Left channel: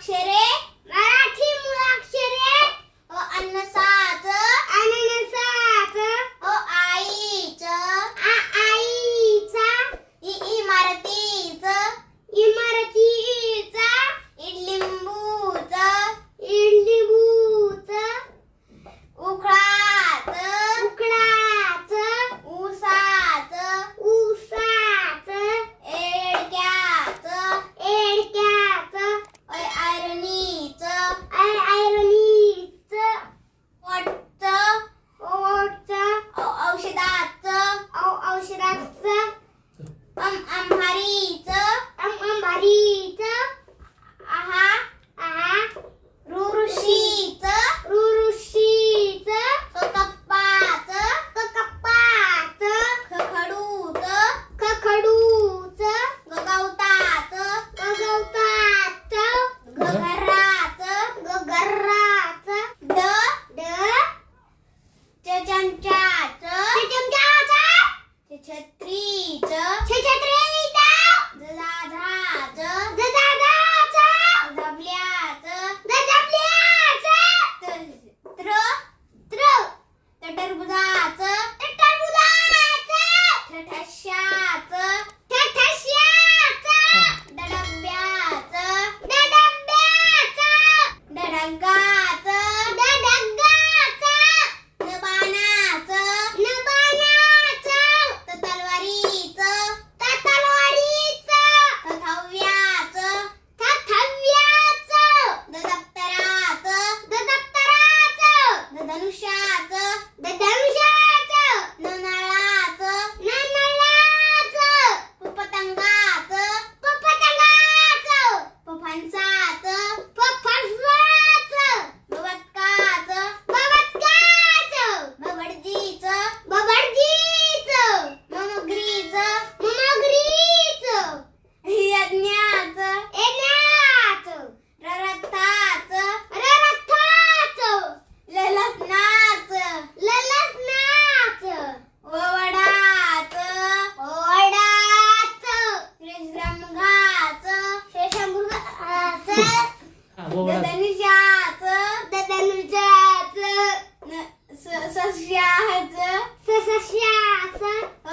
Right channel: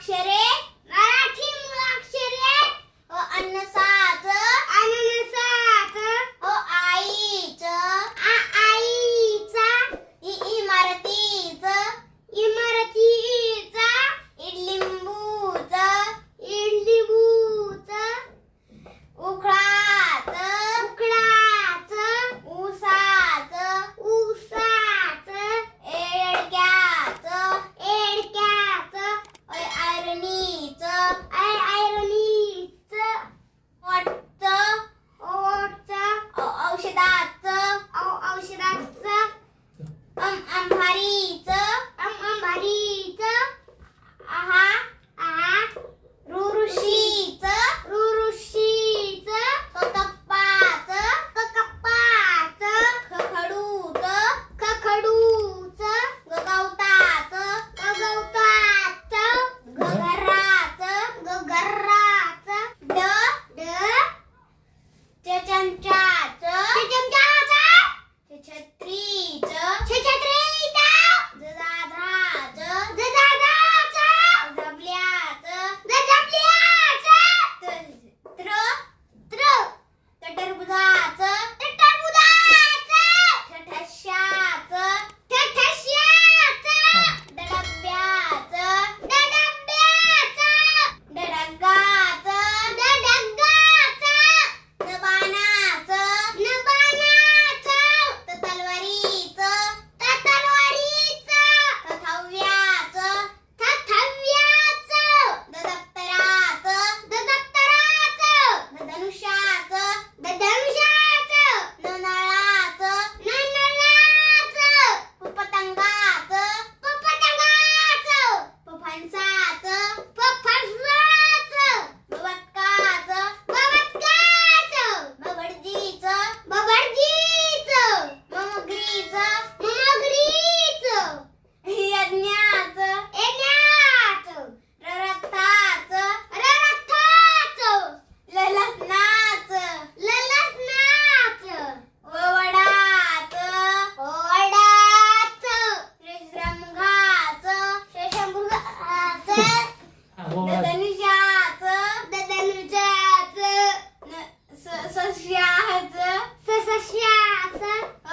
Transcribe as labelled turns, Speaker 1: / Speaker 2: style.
Speaker 1: şeyler 小，孩子。是是是啊，